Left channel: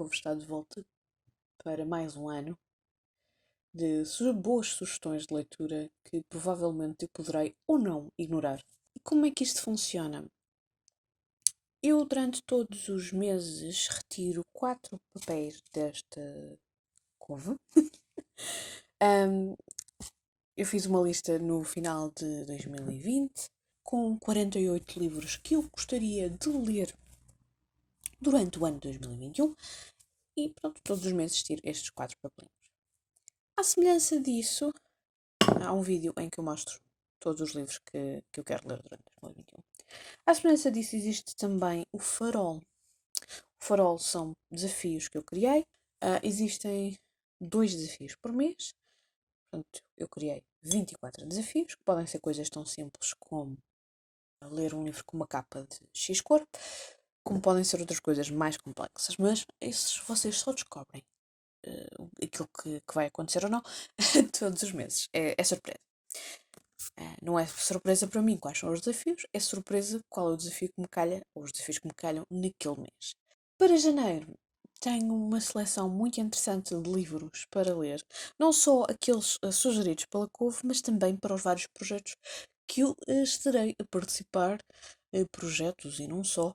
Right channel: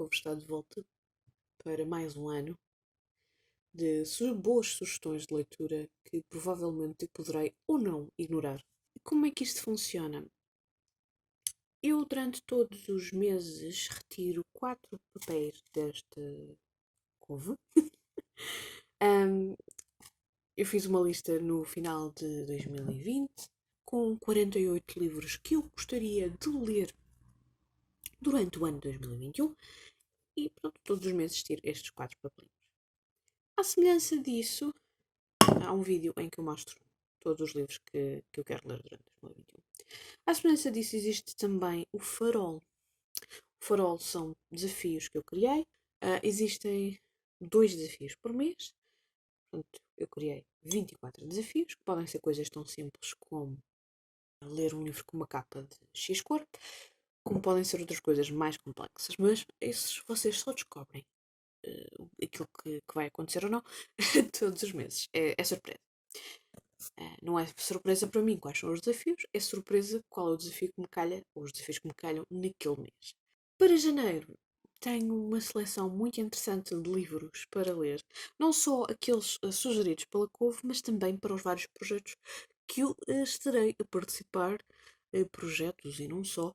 Couve está de volta para mais um ano de boas sugestões de leitura que provavelmente eu poderei ou não ignorar. E como é que isto funciona? Eu, durante todos os meses, retiro 4 papéis desta couve. Eu fiz uma lista no final de 2020 com 48 livros que eu gostaria de ler durante o ano de 2021 e pronto, todos os meses tiro estes 4 papelinhos. À semelhança disso, há um vídeo em que eu mostro todos os livros que eu quero ler durante 2021. À semelhança disso, existe também o Farol. O Farol são desafios que eu criei. Existem 2 desafios por mês. Portanto, eu criei 24 desafios, que podem ser coisas tão simples como ler um livro com uma capa de X cor, como podem ser outras coisas mais complexas. Mas esses vocês só descobrem aquilo que vai acontecer ou não todos os meses. É surpresa. Não é surpresa para mim quais são os desafios, é surpresa qual é o desafio que me calha, ou os desafios que me calham naquele mês. Para janeiro, tenho uma seleção muito interessante de livros para ler, não só aqueles sugeridos pela Couve, mas também para os vários projetos que eu estarei a participar, projetos e não só.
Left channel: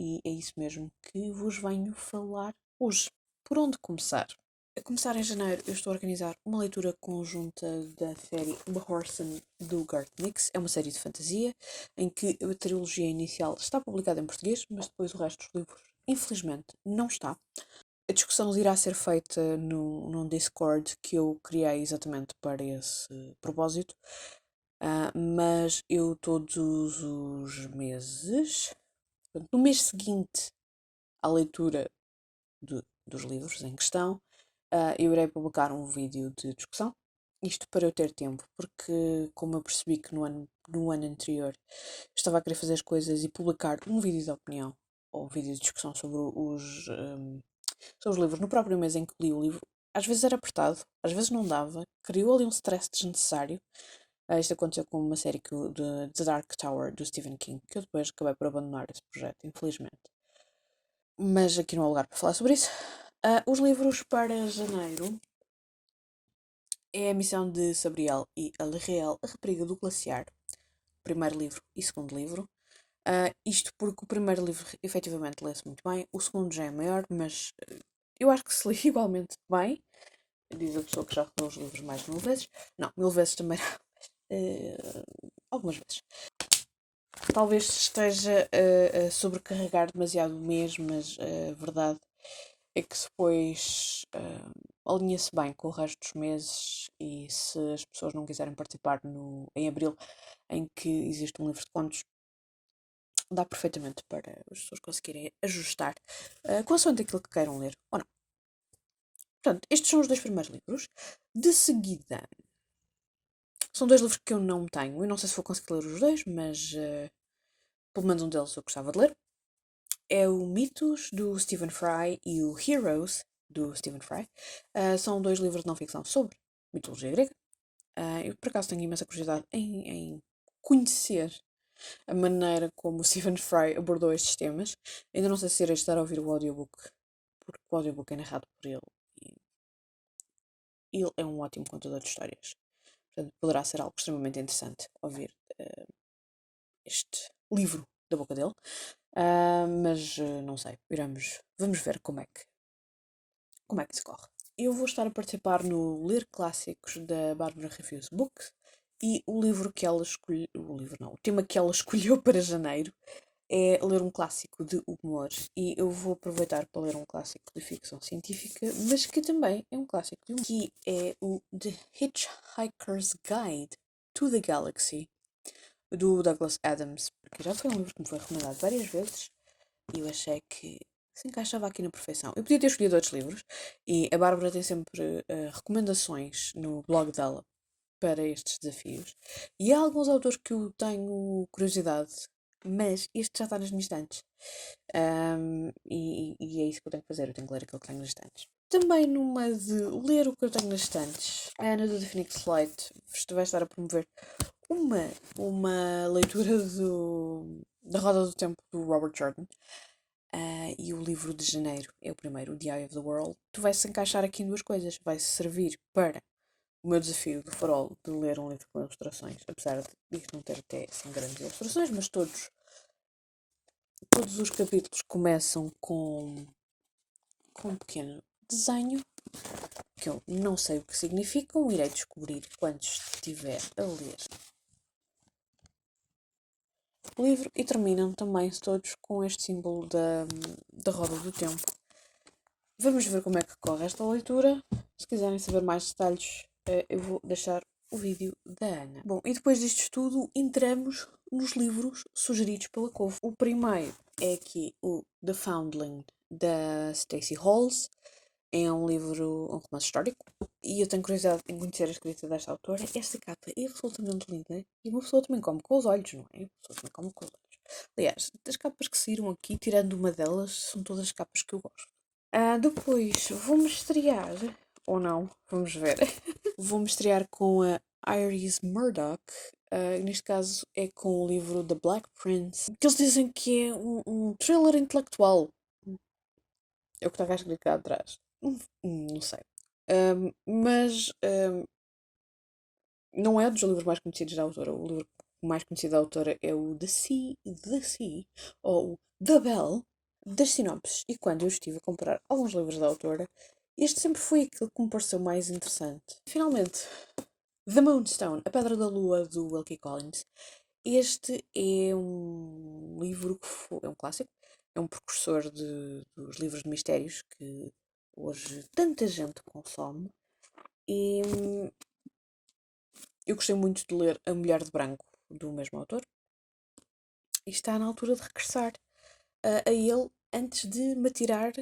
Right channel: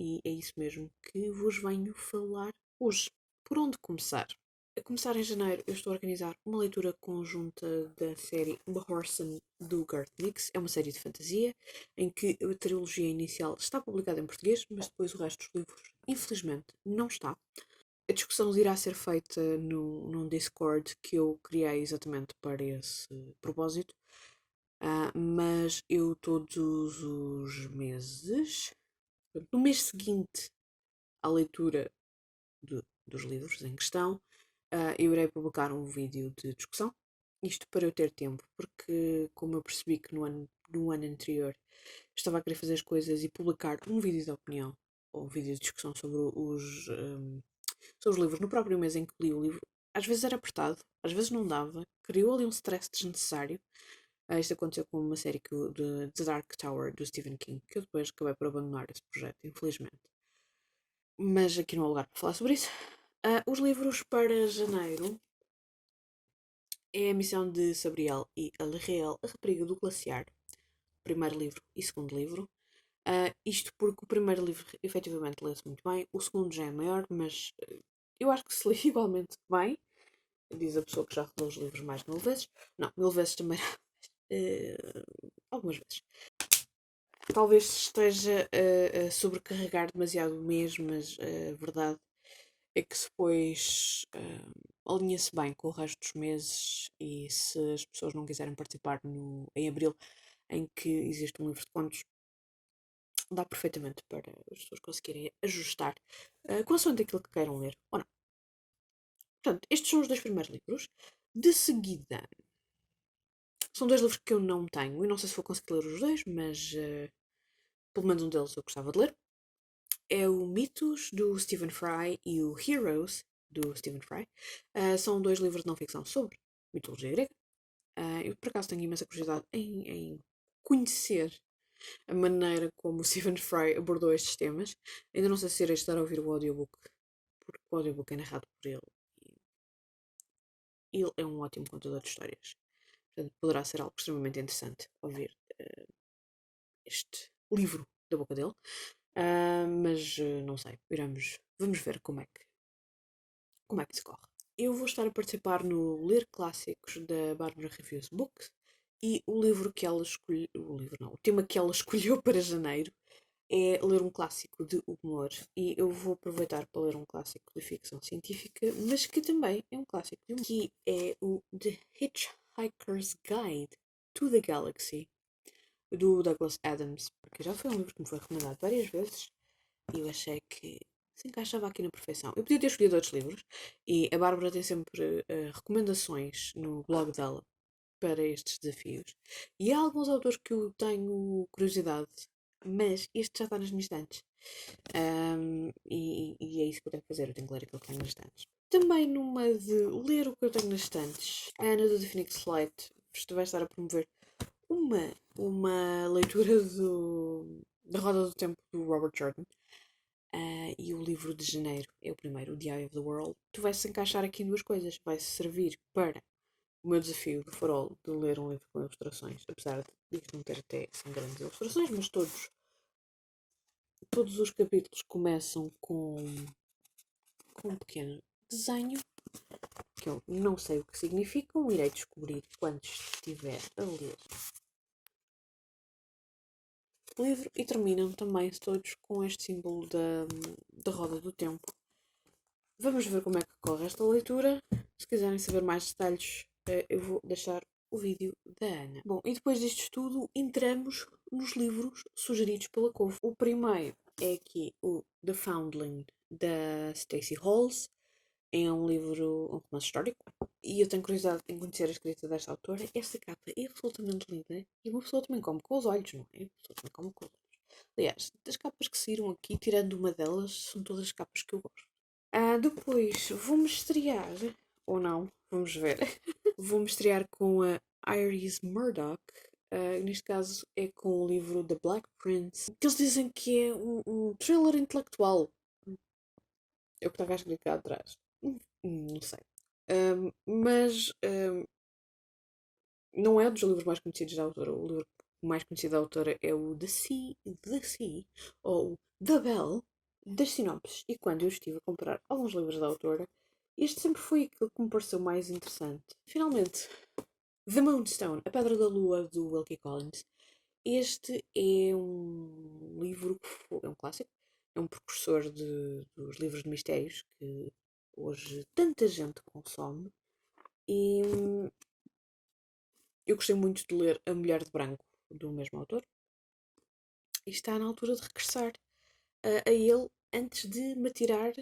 E é isso mesmo que vos venho falar hoje. Por onde começar? A começar em janeiro, eu estou a organizar uma leitura conjunta da série The Horse do Garth Nix. É uma série de fantasia em que a trilogia inicial está publicada em português, mas depois o resto dos livros, infelizmente, não está. A discussão irá ser feita num Discord que eu criei exatamente para esse propósito. Mas eu todos os meses, no mês seguinte à leitura dos livros em questão, eu irei publicar um vídeo de discussão. Isto para eu ter tempo, porque como eu percebi que no ano anterior estava a querer fazer as coisas e publicar um vídeo de opinião ou um vídeo de discussão sobre sobre os livros no próprio mês em que li o livro, às vezes era apertado, às vezes não dava, criou ali um stress desnecessário. Isto aconteceu com uma série de The Dark Tower do Stephen King, que eu depois acabei por abandonar esse projeto, infelizmente. Mas aqui não há lugar para falar sobre isso. Os livros para janeiro é A Missão de Sabriel e a Real, a Rapariga do Glaciar. Primeiro livro e segundo livro. Isto porque o primeiro livro efetivamente lê-se muito bem, o segundo já é maior, mas eu acho que se lê igualmente bem. Diz a pessoa que já leu os livros mais de 1000 vezes. Não, 1000 vezes também. Algumas vezes. Talvez esteja a sobrecarregar demasiado o mês, mas a verdade é que depois alinha-se bem com o resto dos meses e se as pessoas não quiserem participar em abril, em que existe um livro de contos, dá perfeitamente para as pessoas conseguirem ajustar consoante aquilo que queiram ler ou não. Portanto, estes são os 2 primeiros livros. De seguida, são 2 livros que eu não tenho. Eu não sei se vou conseguir ler os 2, mas pelo menos um deles eu gostava de ler. É o Mitos, do Stephen Fry, e o Heroes, do Stephen Fry. São 2 livros de não ficção sobre mitologia grega. Eu, por acaso, tenho imensa curiosidade em conhecer a maneira como o Stephen Fry abordou estes temas. Ainda não sei se irei estar a ouvir o audiobook, porque o audiobook é narrado por ele. E ele é um ótimo contador de histórias. Portanto, poderá ser algo extremamente interessante ouvir este livro da boca dele. Mas não sei, vamos ver como é que se corre. Eu vou estar a participar no Ler Clássicos da Bárbara Reviews Books e o livro que ela escolheu, o tema que ela escolheu para janeiro é ler um clássico de humor e eu vou aproveitar para ler um clássico de ficção científica, mas que também é um clássico de humor, que é o The Hitchhiker's Guide to the Galaxy, do Douglas Adams, porque já foi um livro que me foi recomendado várias vezes e eu achei que se encaixava aqui na perfeição. Eu podia ter escolhido outros livros e a Bárbara tem sempre recomendações no blog dela para estes desafios. E há alguns autores que eu tenho curiosidade, mas este já está nas minhas estantes. E é isso que eu tenho que fazer, eu tenho que ler aquilo que tenho nas estantes. Também numa de ler o que eu tenho nas estantes, a Ana do The Phoenix Light vai estar a promover uma leitura da Roda do Tempo do Robert Jordan. e o livro de janeiro é o primeiro, The Eye of the World. Tu vais-se encaixar aqui em duas coisas. Vai servir para o meu desafio do farol de ler um livro com ilustrações, apesar de isto não ter até assim grandes ilustrações, mas todos os capítulos começam com um pequeno desenho que eu não sei o que significam, irei descobrir quando estiver a ler o livro, e terminam também todos com este símbolo da roda do tempo. Vamos ver como é que corre esta leitura. Se quiserem saber mais detalhes, eu vou deixar o vídeo da Ana. Bom, e depois disto tudo, entramos nos livros sugeridos pela Couve. O primeiro é aqui o The Foundling, da Stacey Holmes. É um livro, um romance histórico, e eu tenho curiosidade em conhecer a escrita desta autora. Esta capa é absolutamente linda e uma pessoa também come com os olhos, não é? Uma pessoa também come com os olhos. Aliás, das capas que saíram aqui, tirando uma delas, são todas as capas que eu gosto. Depois vou-me estrear, ou não, vamos ver. Vou-me estrear com a Iris Murdoch. Neste caso é com o livro The Black Prince, que eles dizem que é um thriller intelectual. É o que estava escrito cá atrás. Não sei. Mas não é dos livros mais conhecidos da autora. O livro mais conhecido da autora é o The Sea, ou The Bell, das sinopses. E quando eu estive a comprar alguns livros da autora, este sempre foi aquele que me pareceu mais interessante. Finalmente, The Moonstone, A Pedra da Lua, do Wilkie Collins. Este é um livro que é um clássico, é um precursor dos livros de mistérios que hoje tanta gente consome. E eu gostei muito de ler A Mulher de Branco, do mesmo autor. E está na altura de regressar a ele antes de me atirar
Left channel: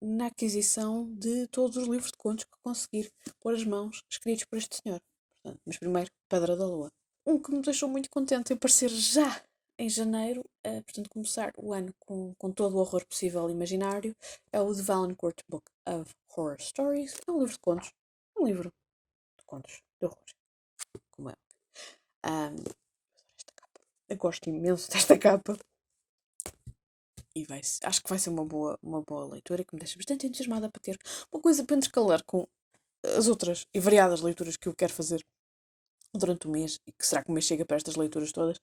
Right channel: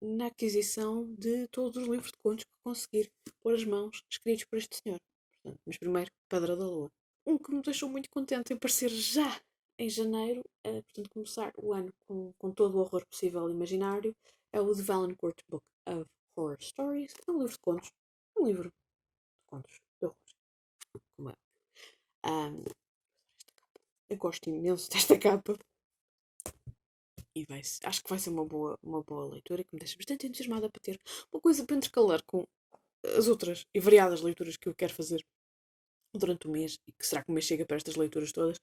na aquisição de todos os livros de contos que conseguir pôr as mãos escritos por este senhor. Portanto, mas primeiro, Pedra da Lua. Um que me deixou muito contente em aparecer já em janeiro, portanto, começar o ano com todo o horror possível e imaginário, é o The Valancourt Book of Horror Stories. É um livro de contos. Um livro de contos de horror. Como é? Esta capa. Eu gosto imenso desta capa. E acho que vai ser uma boa leitura que me deixa bastante entusiasmada para ter uma coisa para intercalar com as outras e variadas leituras que eu quero fazer durante o mês. E que será que o mês chega para estas leituras todas?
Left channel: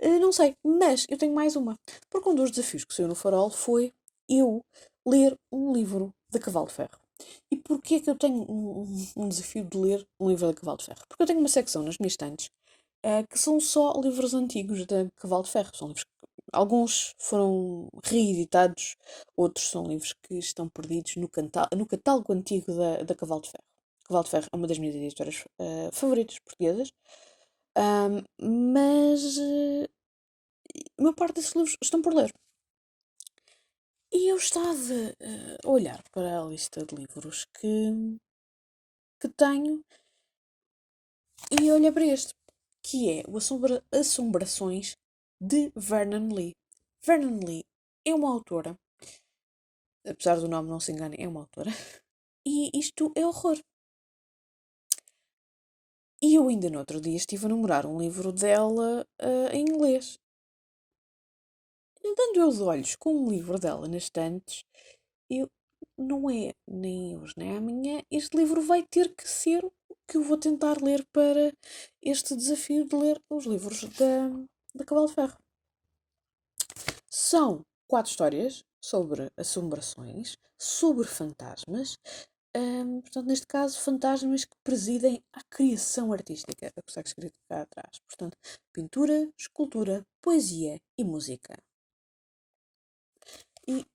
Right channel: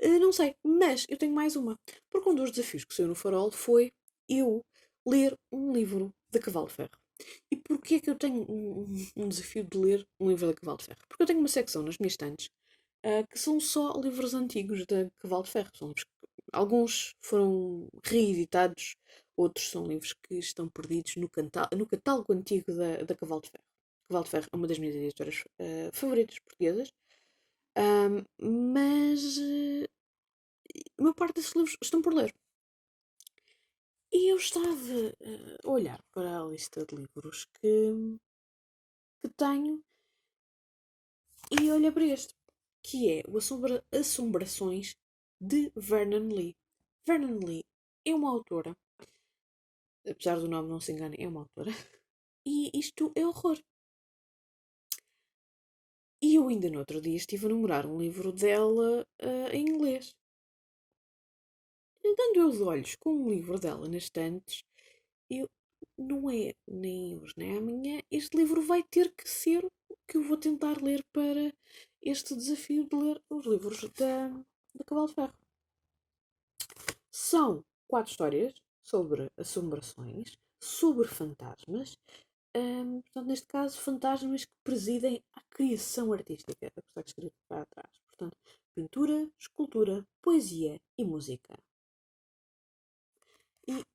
Não sei, mas eu tenho mais uma. Porque um dos desafios que saiu no Farol foi eu ler um livro de Cavalo de Ferro. E porquê é que eu tenho um desafio de ler um livro de Cavalo de Ferro? Porque eu tenho uma secção nas minhas estantes que são só livros antigos de Cavalo de Ferro. São livros alguns foram reeditados, outros são livros que estão perdidos no catálogo antigo da Cavalo de Ferro. Cavalo de Ferro é uma das minhas editoras favoritas portuguesas, mas a maior parte desses livros estão por ler. E eu estava a olhar para a lista de livros que tenho e olhei para este, que é o Assombrações de Vernon Lee. Vernon Lee é uma autora, apesar do nome não se engane, é uma autora, e isto é horror. E eu ainda no outro dia estive a namorar um livro dela em inglês. Dando eu os olhos com um livro dela nas estantes, eu, não é nem hoje nem amanhã, este livro vai ter que ser o que eu vou tentar ler para este desafio de ler os livros da Cavalo de Ferro. São 4 histórias sobre assombrações, sobre fantasmas, portanto, neste caso, fantasmas que presidem à criação artística. É o que está escrito cá atrás. Portanto, pintura, escultura, poesia e música. E,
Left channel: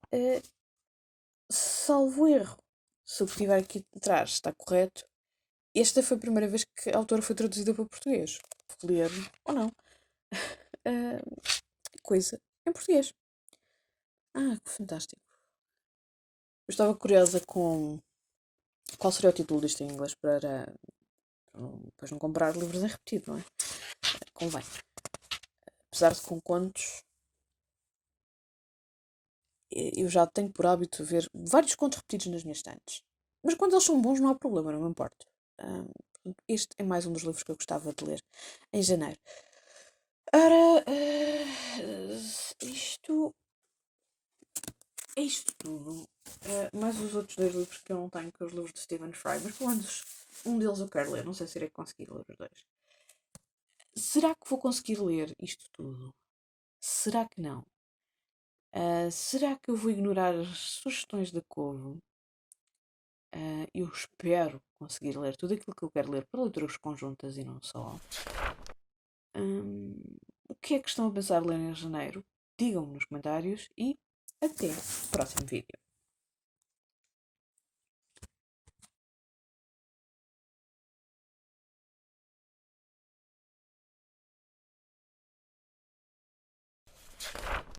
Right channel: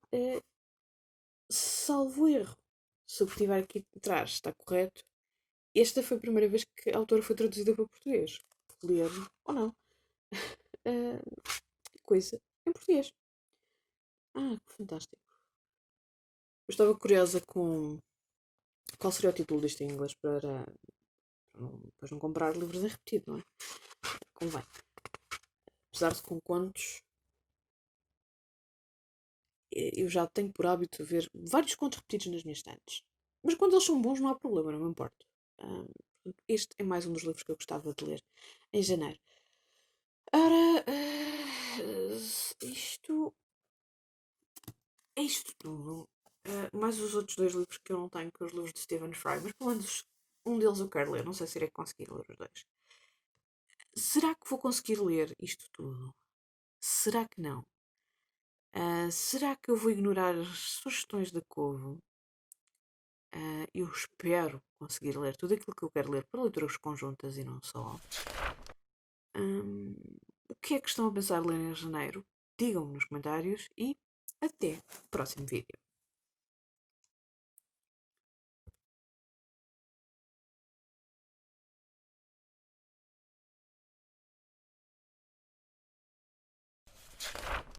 salvo erro, se o que estiver aqui atrás está correto, esta foi a primeira vez que a autora foi traduzida para português. Ler ou não. Coisa em português. Que fantástico. Eu estava curiosa com qual seria o título disto em inglês para depois não comprar livros em repetido, não é? Convém. Apesar de com contos, eu já tenho por hábito ver vários contos repetidos nas minhas estantes. Mas quando eles são bons não há problema, não me importo. Este é mais um dos livros que eu gostava de ler em janeiro. Ora, isto tudo. Mais os outros 2 livros que eu não tenho, que os livros de Stephen Fry, mas pelo menos um deles eu quero ler. Não sei se irei conseguir ler os 2. Será que vou conseguir ler isto tudo? Será que não? Será que eu vou ignorar as sugestões da Kovo? Eu espero conseguir ler tudo aquilo que eu quero ler para leituras conjuntas e não só. O que é que estão a pensar ler em janeiro? Digam-me nos comentários e até o próximo vídeo.